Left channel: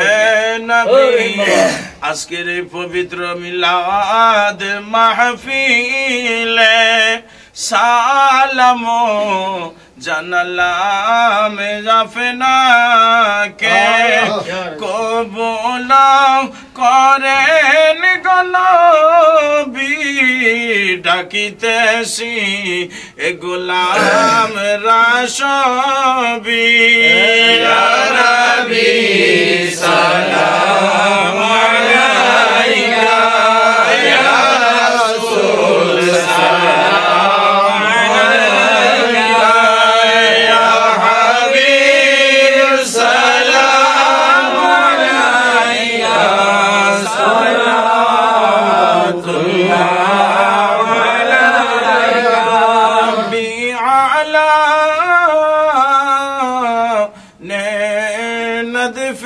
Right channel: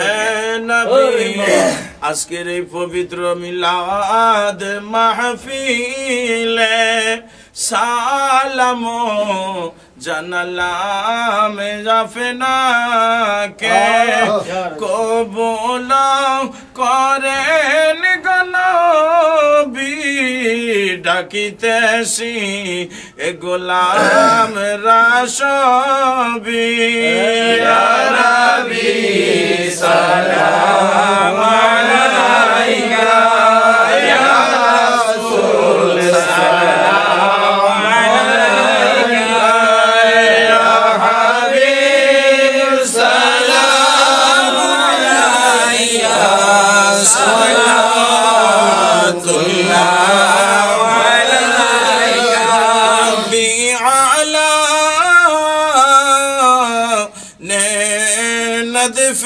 হে নবী আজকের এই পবিত্র মিলাদ মাহফিলে সালাম জানালাম জাফনাকে কবুল করেন গনবী ডাকিতেছি এ গোলাম রাসবি ইয়া নবী সালাম আলাইকা ইয়া রাসূল সালাম আলাইকা ইয়া হাবিব সালাম আলাইকা সালাতুল্লাহ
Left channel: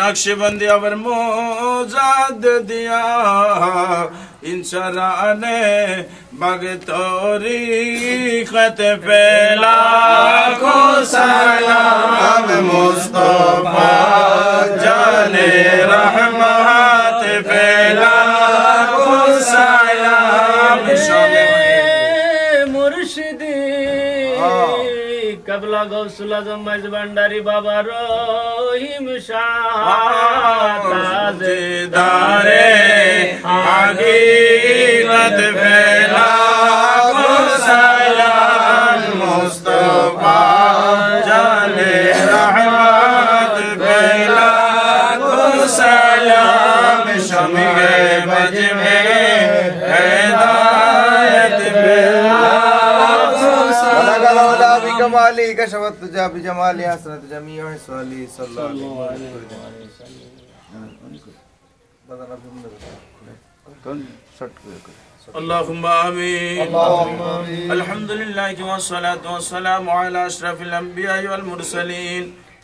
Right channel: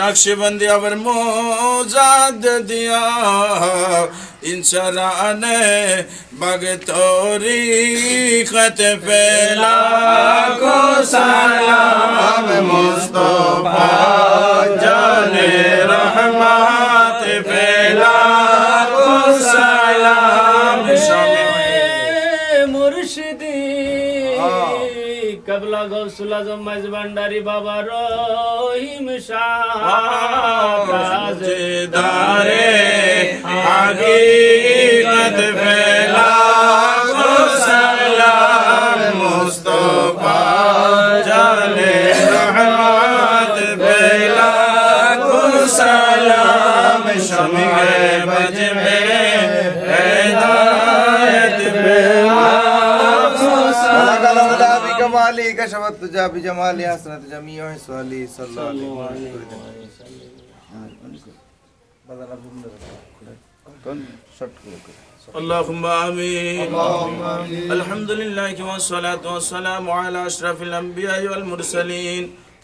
नक्शबंदी अवर मोजाद दिया इंसराने बाग तोरी खत फैला को सलाम मुस्तफा जाने रहमत फैला को सलाम मुर्शिदी कबला गौसुल आजम मज भंडारी बाबा रहीम शाह ताजेदारे हकीकत फैला को सलाम मुस्तफा जाने रहमत फैला को सलाम शम्अ बज में हिदायत फैला कमाली कशवत तुझा बिजमाली हसरत जमीअ सल्ली सल्लल्लाहु अलैहि वसल्लम अल्लाहुम्मा आमीन अल्हम्दुलिल्लाह वस्सलातु वस्सलामु अला अशरफिल अंबिया वल मुरसलीन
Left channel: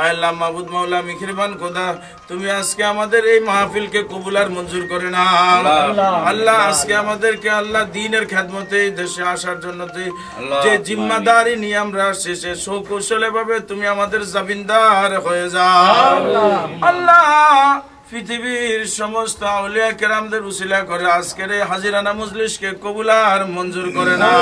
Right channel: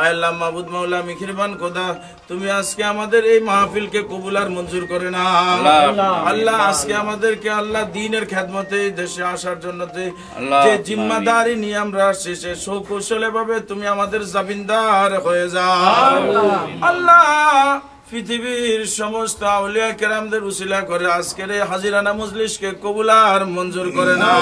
আল্লাহ মাবুদ মাওলা মেহেরবান খোদা তুমি আজকে আমাদের এই মাহফিলকে কবুল আর মঞ্জুর করে নাও আল্লাহ আজকে আমাদেরকে আল্লাহ দ্বীনের খেদমতে দেশে আসার জন্য যে জিম্মাদারি নিয়ে আমরা আসছি সে সুকৌশলে ভাবে তুমি আমাদের জামিনদার হয়ে যাও আল্লাহ পৃথিবীর সমস্ত আউলিয়া কেরামদের উসিলা করে আজকের এই হাজিরানা মজলিসকে কবুল আর মঞ্জুর করে নাও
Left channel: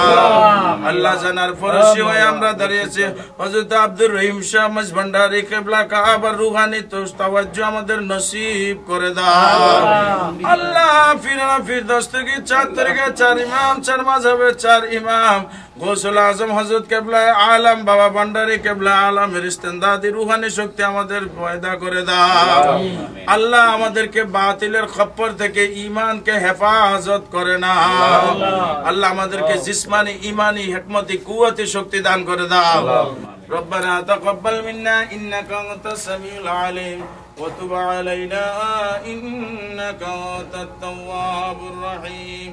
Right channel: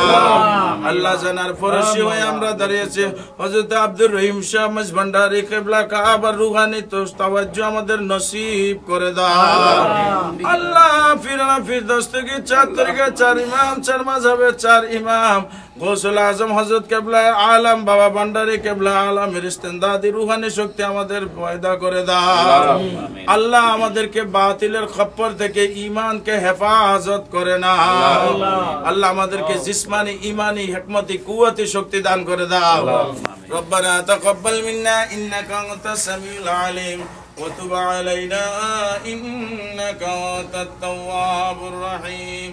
আল্লাহ জানার ফরশি হয়ে আমরা দাঁড়িয়েছি হযরত আব্দুর রহিম শাহ মজ ভান্ডারী কিবলা কাবার রুহানি তাওয়াজ্জু আমাদের নসিব করে দাও আল্লাহ ফিরানা ফিরদৌস থেকে 4 তরিকা 4 ইমাম 4 মাযহাবের 4 ইমাম গৌসুল আজম হযরত কিবলা আলম বাবা ভান্ডারী কিবলা আলমের ইস্তেমদাদি রুহানি শক্তি আমাদের পয়দা করে দাও আল্লাহ আমাদেরকে বাতিলের খপ্পর থেকে ঈমানকে হেফাজত করে না আল্লাহ আমাদেরকে জিসমানি ঈমানি হিকমতি কুওয়াতি শক্তি দান করে দাও রব্বানা তাকাব্বাল মিন্না ইন্নাকা আনতাস সামিউল আলিম ওয়া তুব আলাইনা ইন্নাকা আনতাত তাওয়াবুর রহিম